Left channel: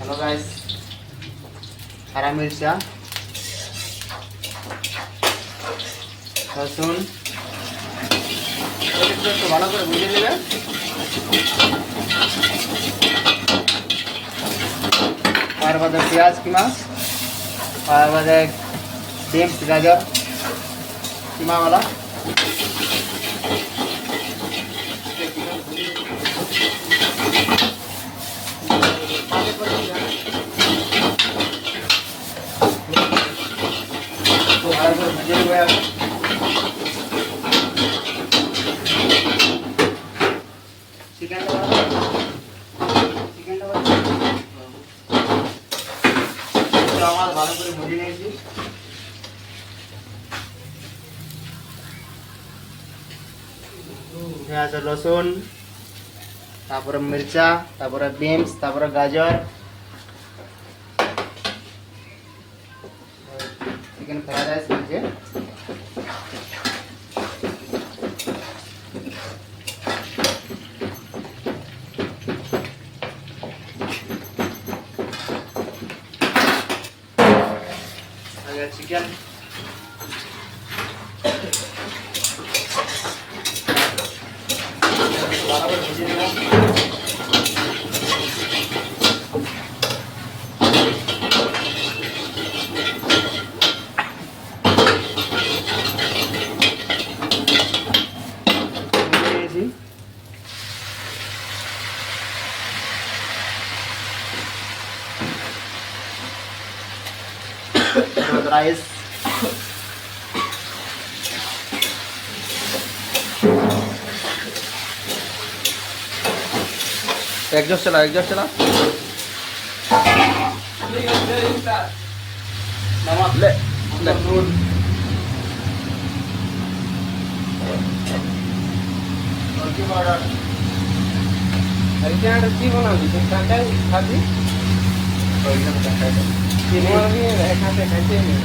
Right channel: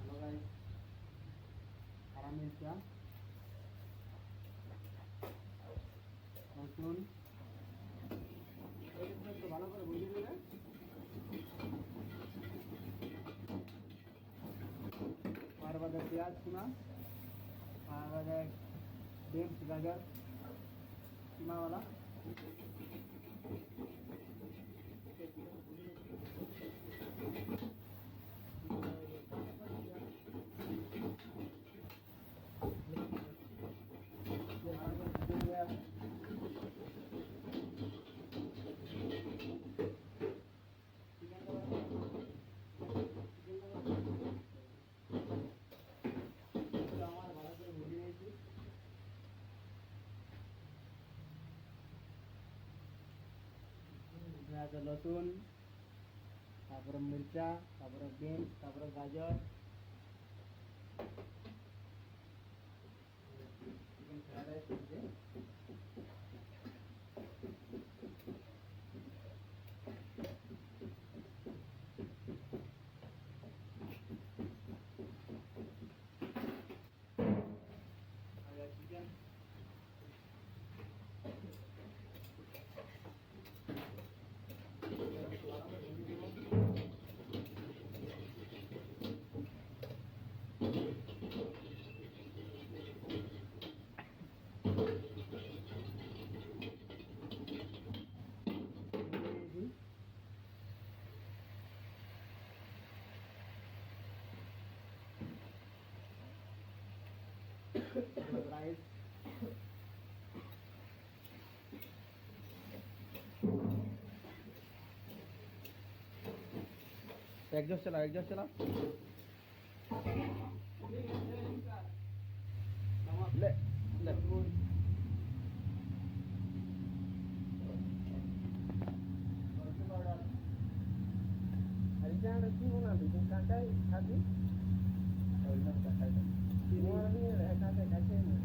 Hello guys, हरा मिर्चा, रसुन একটু ভালো করে ভেজে নেবে। তার বাদে পেঁয়াজ কিমা, তার বাদে ডিম গাজর কিমাওয়ালা, तो भाলো করে ভেজে নেবে। চিকেনটা আমার ভালো করে ভেজে নিয়েছি। পেঁয়াজ রসুন, তারপরে মির্চা, তারপরে বিনস, তারপরে গাজর, চিকেন ফ্রাইড রাইস নিয়েছে। চিকেন বরাবর ভেজে নেব। राइस एग्जॉस्ट चला नमक ले नून पाउडर हरियाणा की बनाओगी तो कांटा खाती तीनों भी खाते खाते नहीं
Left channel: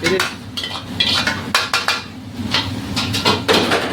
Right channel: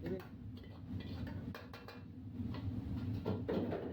फिर